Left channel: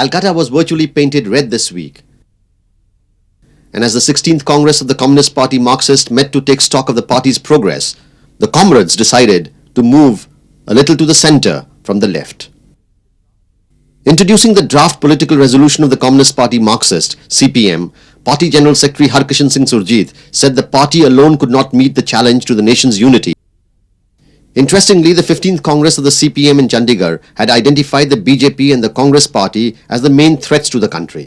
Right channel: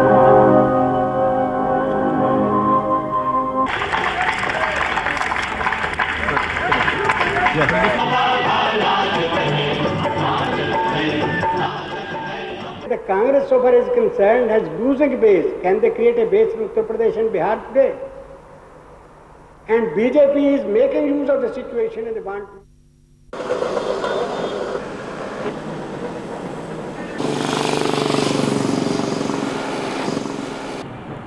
Calcutta was virtually painted red this week. And as the 16th Congress of the Communist Party Marxist met to take stock of the party's progress, the comrades decided to move a little to the center from the left. Introducing the draft political resolution of the Communist Party Marxist CPM, Party General Secretary Harkishan Singh Surjeet said the party alone could not meet the challenge to the nation's unity. Interestingly, the 15th Congress of the CPM in Chandigarh had identified the BJP and the Congress Party as the main threats to the country.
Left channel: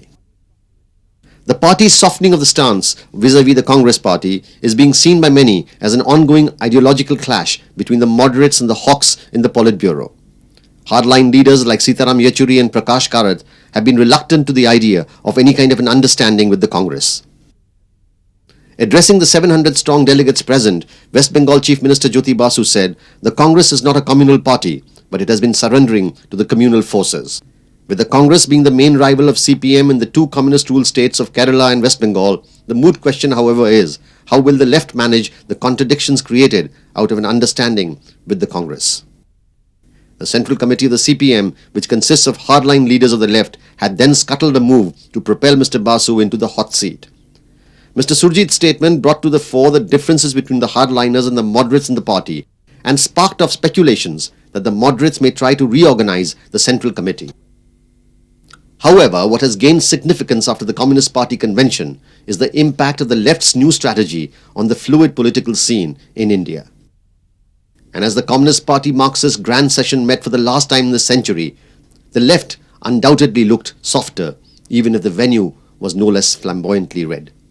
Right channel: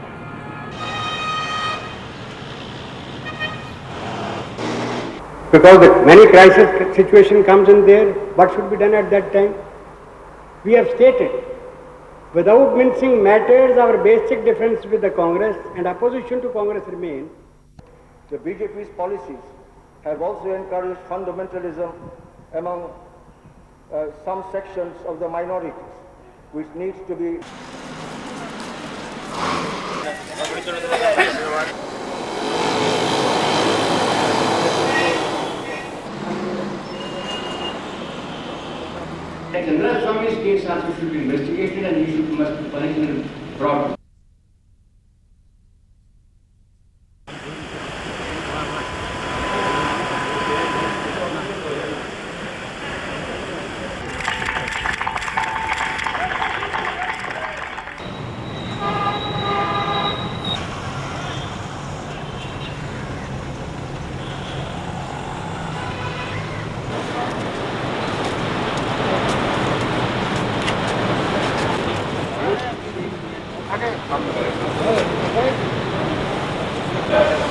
The party's softening of the stance vis-à-vis the Congress Party is being seen by many as an ongoing ideological clash between the moderates and the hawks in the politburo. Hardline leaders like Sitaram Yechuri and Prakash Karat have been reluctant to the idea of any kind of an understanding with the Congress. Addressing the 700-strong delegates present, West Bengal Chief Minister Jyoti Basu said, "The Congress is not a communal party, but it has been surrendering to the communal forces." With the Congress being the main rival of CPM in the two communist-ruled states of Kerala and West Bengal, the moot question, however, is how will the left manage the contradictions created out of an understanding with the Congress? The Central Committee of the CPM, which consists of hardline leaders of the left, had then scuttled a move to propel Mr. Basu into the hot seat. Mr. Surjeet's statement brought to the fore the differences between the hardliners and the moderates in the party and sparked off speculations that the moderates may try to reorganize the Central Committee. However, what has gained significance after the Communist Party convention is the impact of the left's new strategy on the fluid political scene in India. And as the Communist Party Marxist Grand Session met for the last time in a century, the left undoubtedly looked softer, even if the venue was no less flamboyantly red.